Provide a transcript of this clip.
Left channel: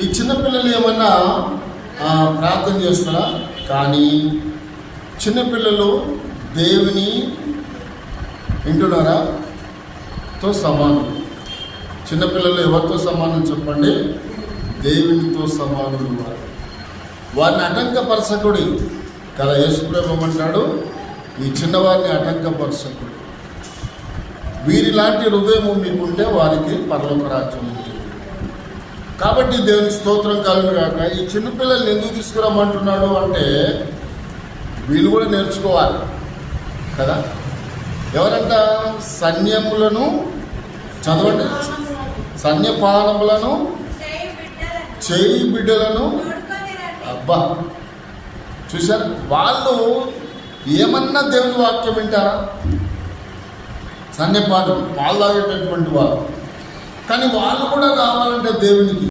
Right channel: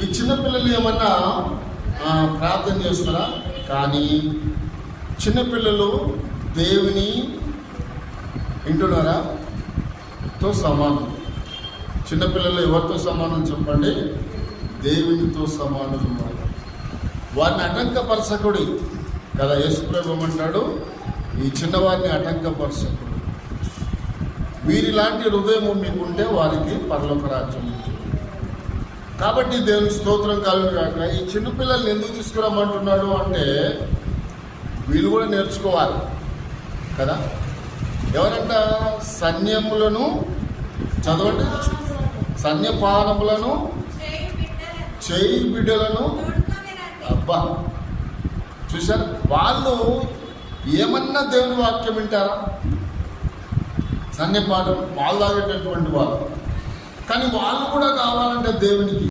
ఈ చిన్నపిల్లలు ఏమన్నా ప్రార్థన చేస్తారా? కానీ చిన్నపిల్లలు దేవుని వింటున్నారా? తో సమానం. చిన్నపిల్లలు ఎవరితో సమానం చెప్పండి? దేవునితో సమానులు. వారిని ఆటంకపరచకుడి కదా యేసుప్రభువు అంటాడు, ఈ చిన్నవారిని ఆటంకపరచకుడి. వీరిలాంటి హృదయం మీకుంటే వారికి పరలోక రాజ్యం ఉంది. కాబట్టి దేవుని స్తోత్రం కలుగును గాక. ఈ చిన్నపిల్లల్ని ఎందుకు తీసుకురమ్మంటున్నాడు అంటే వీళ్ళు కూడా నేర్చుకోవాలి కదా. ఎవరంట? సైన్యములను చదవండి. సైన్యపానములను చేయి బిడ్డలను. అబ్బా, చూశారు? వాళ్ళు ఏమన్నా దేవుని వాక్యం వింటారా? సైన్యపానం వాళ్ళు తాగేటటువంటి వాళ్ళు. కానీ వాళ్ళు కూడా కావాలంటే దేవునికి